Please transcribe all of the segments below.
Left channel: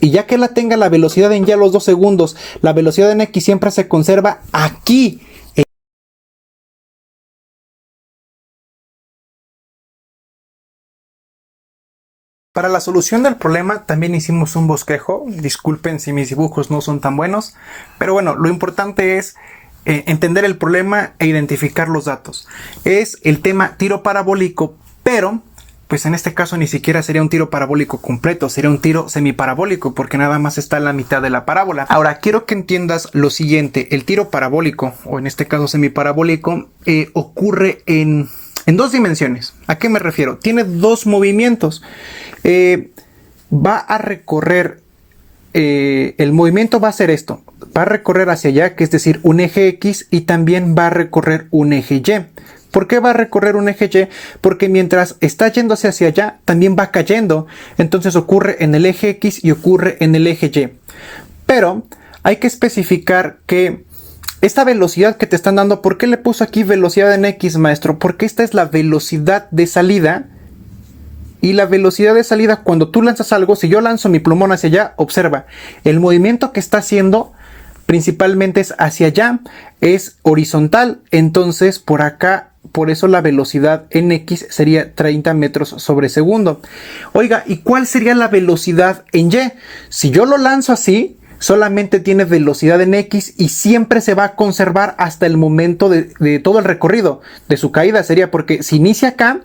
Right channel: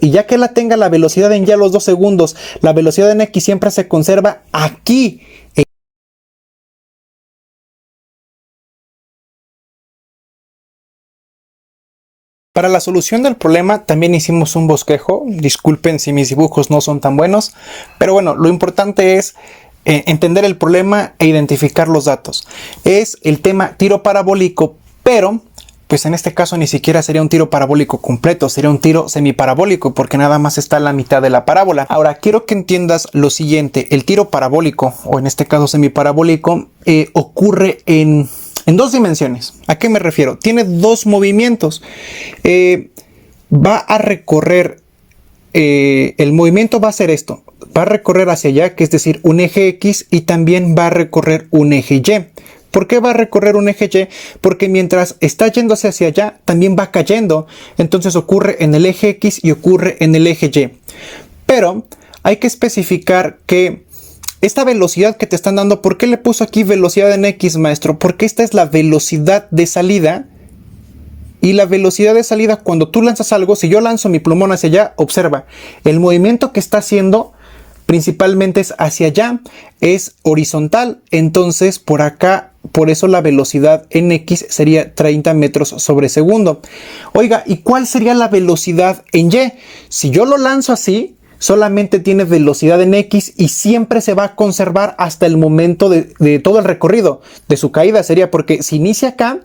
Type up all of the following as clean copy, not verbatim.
Y ya que la tenga la velocidad en y a los 2 segundos, la velocidad en x siempre se conserva aquí. Para la solución del problema también hicimos un bosquejo. Disculpen si mis dibujos no son tan buenos, pero bueno, lo importante es entender el problema e identificar los datos. Es el tema tiro parabólico, pero pues en este caso ni siquiera sería un tiro parabólico completo, sería un tiro semiparabólico porque nada más está en la mitad de la parábola. Ahora quiero que entiendas lo siguiente: el tiro parabólico, o en este caso semiparabólico, ocurre en 2 dimensiones. ¿A qué me refiero? Tiene 2 movimientos. Va a recorrer, el movimiento va a ser esto. Va a recorrer hacia allá, que es decir, un eje X, y también va a recorrer un eje Y. ¿Por qué va a recorrer un eje Y? Porque mientras está yéndose hacia allá, también va cayendo. Entonces ocurre en el eje X y ocurre en el eje Y. Pero hay que especificar que esta velocidad que te están dando, ¿por qué le puso aquí velocidad en X, maestro? Porque esta es la velocidad de salida. Y la velocidad de salida, cuando tú lanzas algo, si yo lanzo mi plumón hacia allá, observa, el movimiento que está haciendo principalmente es hacia allá, es horizontal. Entonces por acá, por eso la velocidad en X sería 30 metros sobre segundo. Oiga, ¿y cuál sería la velocidad en Y? Si yo lo lanzo así, solamente tiene velocidad en X y siempre se va a conservar hasta el momento de todo el recorrido. De su caída sería, porque si inicia acá,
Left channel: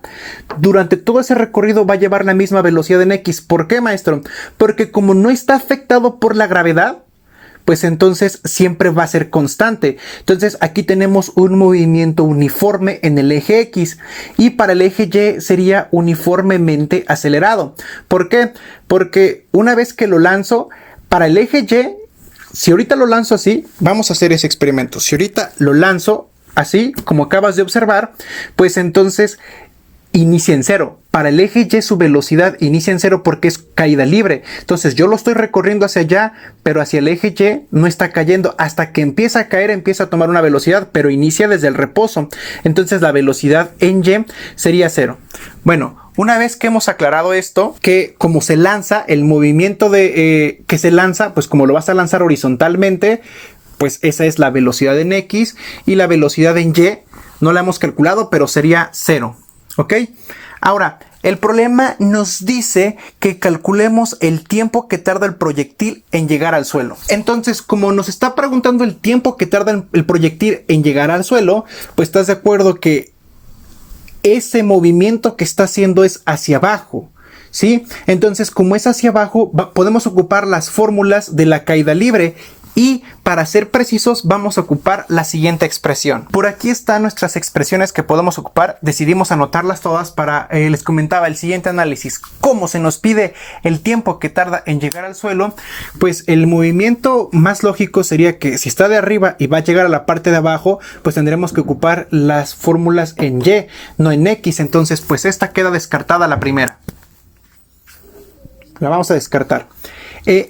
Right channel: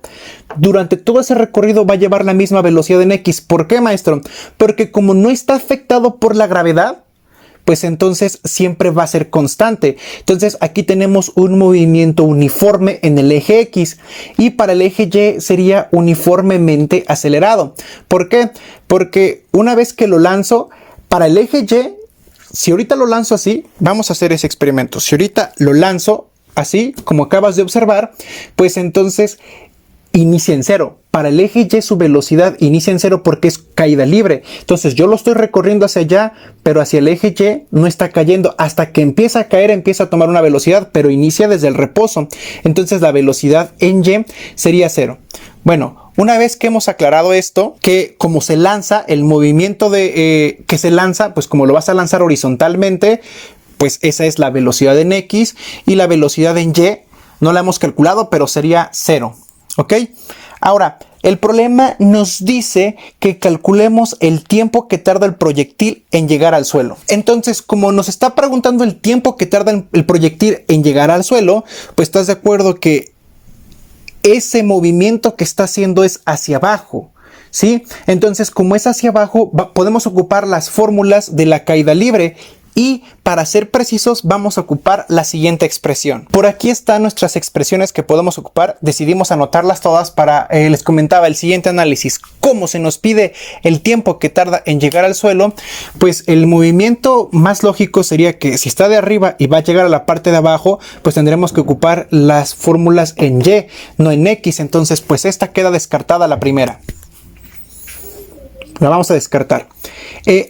durante todo ese recorrido va a llevar la misma velocidad en X. ¿Por qué, maestro? Porque como no está afectado por la gravedad, pues entonces siempre va a ser constante. Entonces aquí tenemos un movimiento uniforme en el eje X, y para el eje Y sería uniformemente acelerado. ¿Por qué? Porque una vez que lo lanzo, para el eje Y, si ahorita lo lanzo así, vamos a hacer ese experimento. Si ahorita lo lanzo así, como acabas de observar, pues entonces inicia en 0. Para el eje Y su velocidad inicia en 0 porque es caída libre. Entonces yo lo estoy recorriendo hacia allá, pero hacia el eje Y no está cayendo. Hasta que empieza a caer, empieza a tomar una velocidad, pero inicia desde el reposo. Entonces la velocidad en Y sería 0. Bueno, una vez que hemos aclarado esto, que como se lanza, el movimiento que se lanza, pues como lo vas a lanzar horizontalmente, pues esa es la velocidad en X, y la velocidad en Y no la hemos calculado, pero sería 0. ¿Ok? Ahora, el problema nos dice que calculemos el tiempo que tarda el proyectil en llegar al suelo. Entonces, como nos está preguntando el tiempo que tarda el proyectil en llegar al suelo, pues estás de acuerdo que ese movimiento que está haciendo es hacia abajo, ¿sí? Entonces, como es hacia abajo, podemos ocupar las fórmulas de la caída libre. Y para ser precisos, vamos a ocupar la siguiente expresión. Por aquí están nuestras expresiones que podemos ocupar. Decidimos anotarlas todas para, les comentaba, el siguiente análisis. Como se nos pide el tiempo que tarda en llegar al suelo, pues el movimiento más lógico sería que si está de arriba y va a llegar a la parte de abajo, pues tendremos que ocupar las fórmulas en Y, no en X. Entonces, pues esta queda descartada, la primera. La vamos a descartar.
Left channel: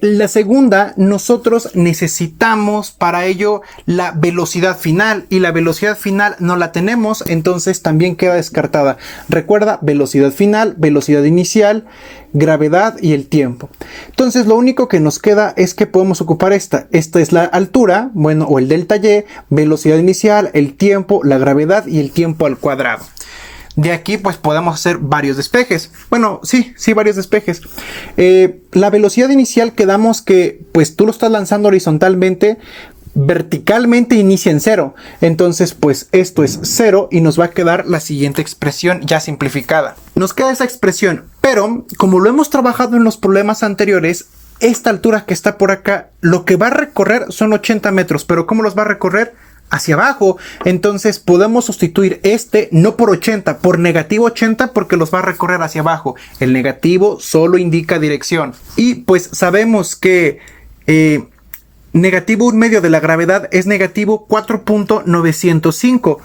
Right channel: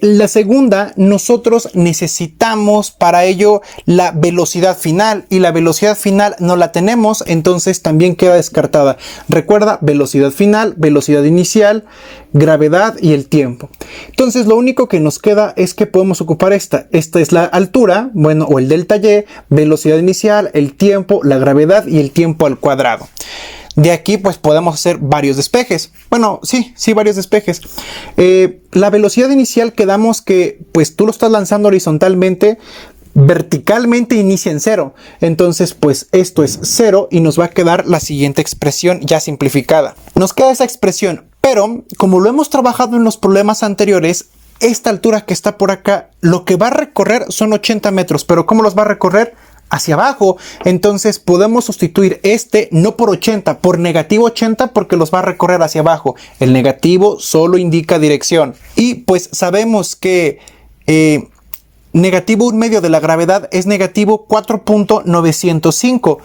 La segunda, nosotros necesitamos para ello la velocidad final, y la velocidad final no la tenemos, entonces también queda descartada. Recuerda, velocidad final, velocidad inicial, gravedad y el tiempo. Entonces lo único que nos queda es que podemos ocupar esta. Esta es la altura, bueno, o el delta Y, velocidad inicial, el tiempo, la gravedad y el tiempo al cuadrado. De aquí pues podemos hacer varios despejes. Bueno, sí, varios despejes. La velocidad inicial, quedamos que pues tú lo estás lanzando horizontalmente, verticalmente inicia en 0. Entonces pues esto es 0 y nos va a quedar la siguiente expresión ya simplificada. Nos queda esa expresión, pero como lo hemos trabajado en los problemas anteriores, esta altura que está por acá, lo que va a recorrer son 80 metros, pero ¿cómo los va a recorrer? Hacia abajo. Entonces podemos sustituir este no por 80, por negativo 80, porque los va a recorrer hacia abajo. El negativo solo indica dirección. Y pues sabemos que negativo 1/2 de la gravedad es negativo 4.905.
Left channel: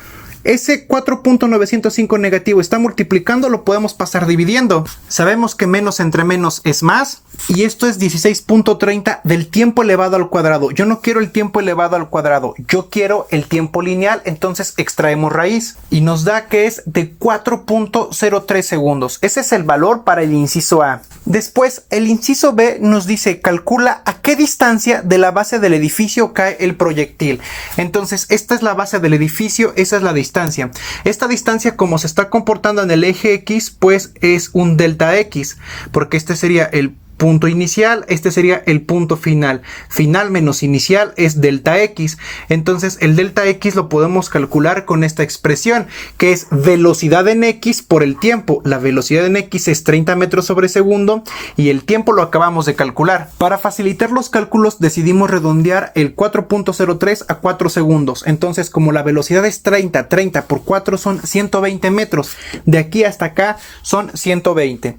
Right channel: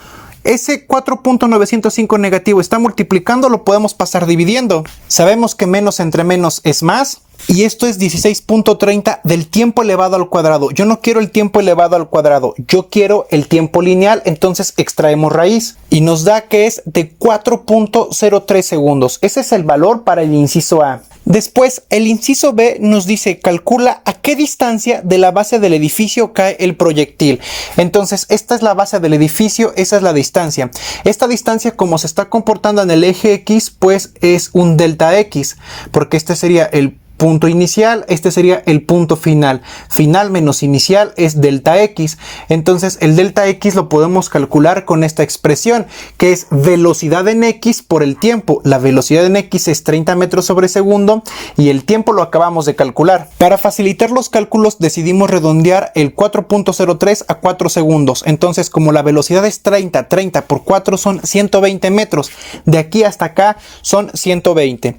Ese 4.905 negativo está multiplicando, lo podemos pasar dividiendo. Sabemos que menos entre menos es más, Y esto es 16.30 del tiempo elevado al cuadrado. Yo no quiero el tiempo elevado al cuadrado, yo quiero el tiempo lineal. Entonces extraemos raíz y nos da que es de 4.03 segundos. Ese es el valor para el inciso A. Después, el inciso B nos dice: calcula a qué distancia de la base del edificio cae el proyectil. Entonces, esta es la base del edificio, esa es la distancia. Esta distancia, como se está comportando en el eje X, pues es un delta X, porque este sería el punto inicial, este sería el punto final. Final menos inicial es delta X. Entonces el delta X lo podemos calcular con esta expresión, que es velocidad en X por el tiempo. La velocidad en X es 30 metros sobre segundo y el tiempo lo acabamos de calcular. Para facilitar los cálculos decidimos redondear el 4.03 a 4 segundos. Entonces, como la velocidad es 30 por 4 son 120 metros. De aquí hasta acá son 120.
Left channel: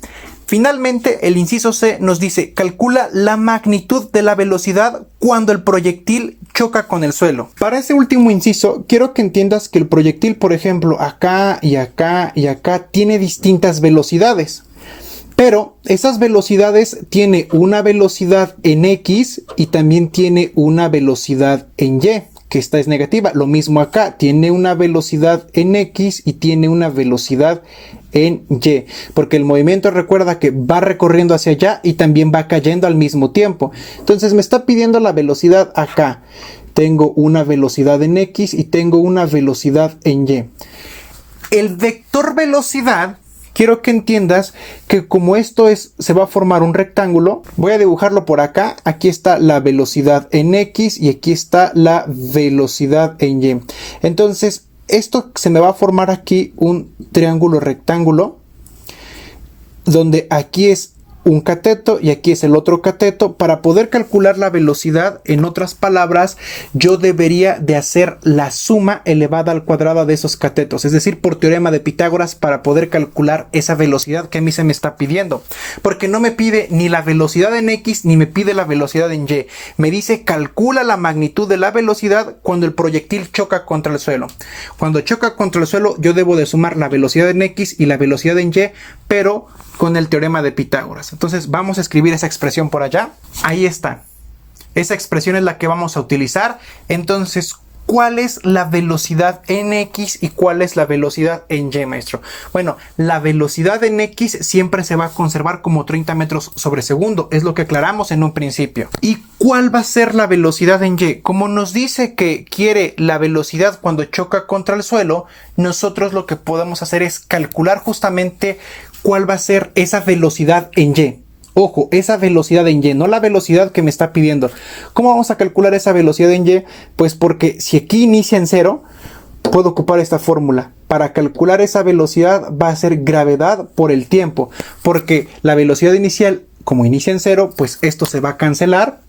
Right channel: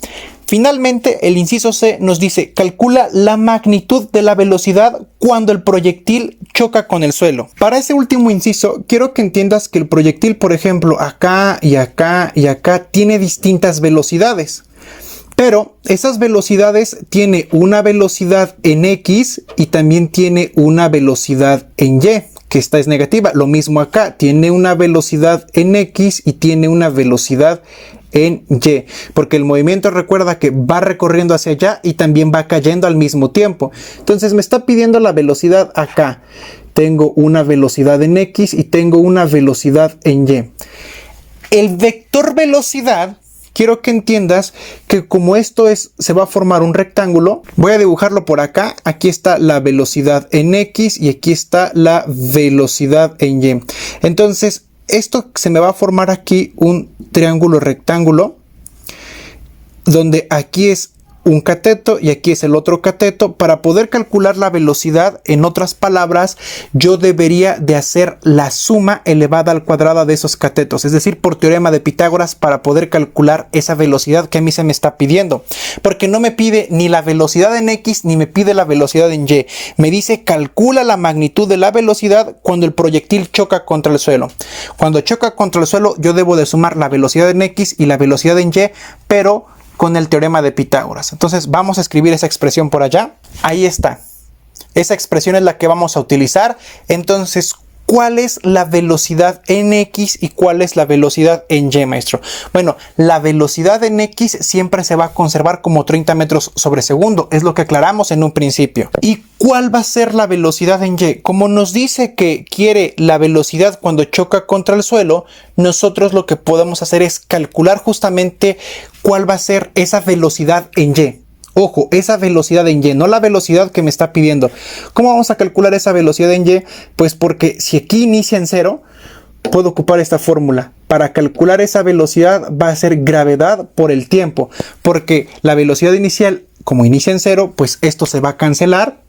Finalmente, el inciso C nos dice: calcula la magnitud de la velocidad cuando el proyectil choca con el suelo. Para ese último inciso, quiero que entiendas que el proyectil, por ejemplo, acá y acá y acá, tiene distintas velocidades. Pero esas velocidades tiene una velocidad en X y también tiene una velocidad en Y, que esta es negativa. Lo mismo acá, tiene una velocidad en X y tiene una velocidad en Y, porque el movimiento, recuerda que va recorriendo hacia allá y también va cayendo al mismo tiempo. Entonces me está pidiendo la velocidad acá. Tengo una velocidad en X y tengo una velocidad en Y. El vector velocidad, quiero que entiendas que como esto se va a formar un rectángulo, voy a dibujarlo por acá. Aquí está la velocidad en X y aquí está la velocidad en Y. Entonces, esto se me va a formar aquí un triángulo rectángulo, donde aquí es un cateto y aquí es el otro cateto. Para poder calcular la velocidad, en otras palabras, yo debería de hacer la suma elevada al cuadrado de esos catetos, es decir, por teorema de Pitágoras, para poder calcular esa velocidad que a mí se me está pidiendo, porque no me pide ni la velocidad en X ni me pide la velocidad en Y. Me dice: calcula la magnitud de la velocidad cuando el proyectil choca contra el suelo. Cuando choca contra el suelo, yo debo de sumar la velocidad en X y la velocidad en Y, pero con el teorema de Pitágoras. Entonces vamos a escribir esa expresión por allá. Ahí está. Esa expresión es la que vamos a utilizar. Entonces, ¿cuál es la velocidad en X y cuál es la velocidad en Y, maestro? Bueno, la velocidad en X siempre se va a conservar como 30 metros sobre segundo. Es lo que aclaramos en un principio. ¿Y cuál va a ser la velocidad en Y? Como nos dice que quiere la velocidad cuando choca contra el suelo, nosotros lo que podemos hacer es calcular justamente cuál va a ser esa velocidad en Y. Ojo, esa velocidad en Y, no la velocidad que me está pidiendo. ¿Cómo vamos a calcular esa velocidad en Y? Pues porque si aquí inicia en 0, puedo ocupar esta fórmula. Para calcular esa velocidad va a ser gravedad por el tiempo, porque la velocidad inicial, como inicia en 0, pues esto se va a cancelar.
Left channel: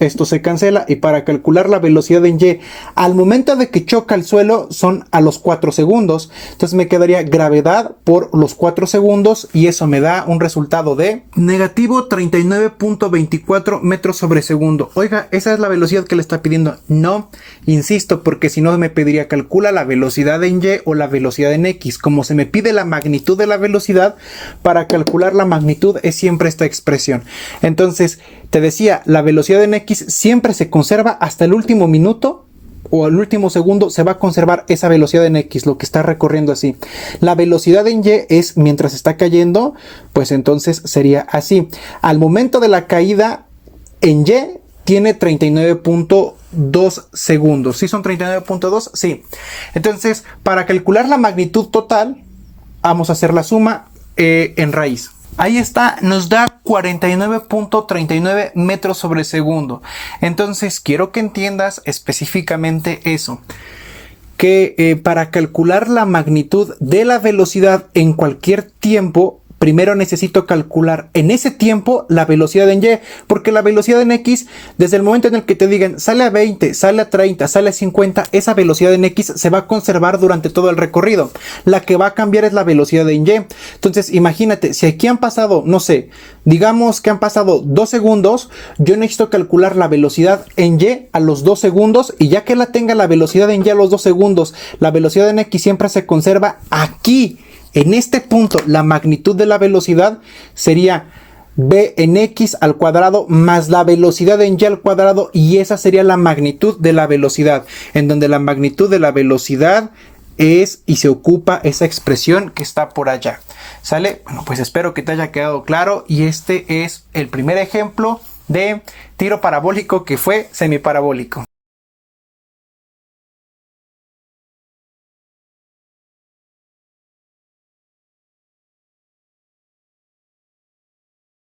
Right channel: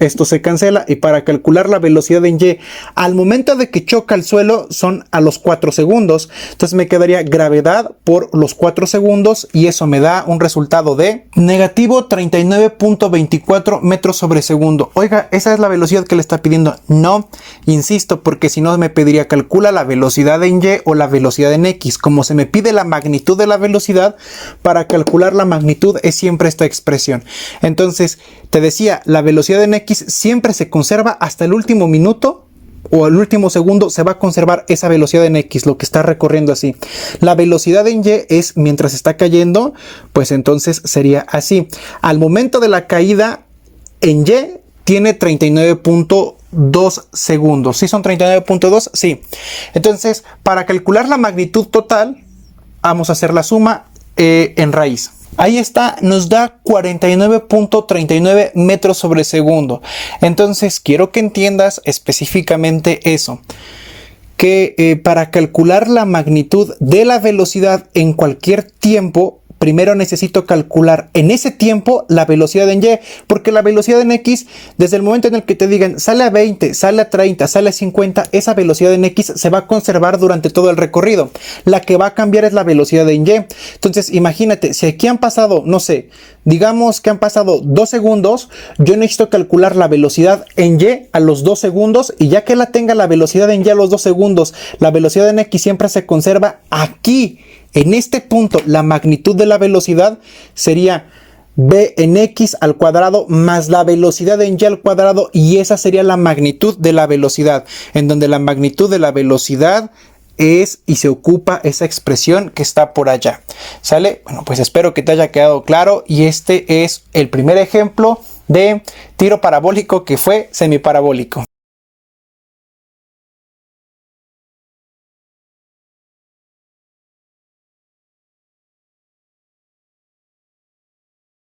Esto se cancela, y para calcular la velocidad en Y al momento de que choca el suelo son a los 4 segundos. Entonces me quedaría gravedad por los 4 segundos y eso me da un resultado de negativo 39.24 metros sobre segundo. Oiga, ¿esa es la velocidad que le está pidiendo? No, insisto, porque si no me pediría calcula la velocidad en Y o la velocidad en X. Como se me pide la magnitud de la velocidad, para calcular la magnitud es siempre esta expresión. Entonces, te decía, la velocidad en X siempre se conserva hasta el último minuto o el último segundo, se va a conservar esa velocidad en X, lo que está recorriendo así. La velocidad en Y es mientras está cayendo, pues entonces sería así. Al momento de la caída en Y tiene 39.2 segundos. ¿Sí son 39.2? Sí. Entonces, para calcular la magnitud total, vamos a hacer la suma en raíz. Ahí está, nos da 49.39 metros sobre segundo. Entonces, quiero que entiendas específicamente eso. Que para calcular la magnitud de la velocidad en cualquier tiempo, primero necesito calcular en ese tiempo la velocidad en Y, porque la velocidad en X, desde el momento en el que te digan sale a 20, sale a 30, sale a 50, esa velocidad en X se va a conservar durante todo el recorrido. La que va a cambiar es la velocidad en Y. Entonces, imagínate, si aquí han pasado, no sé, digamos que han pasado 2 segundos, yo necesito calcular la velocidad en Y a los 2 segundos, y ya que la tenga la velocidad en Y a los 2 segundos, la velocidad en X siempre se conserva aquí. En este punto, la magnitud de la velocidad sería b en x al cuadrado más la velocidad en y al cuadrado, y esa sería la magnitud de la velocidad, en donde la magnitud de la velocidad es y se ocupa esa expresión que está por allá. ¿Sale? Bueno, pues espero que te haya quedado claro, y este es el primer ejemplo de tiro parabólico que fue semiparabólico.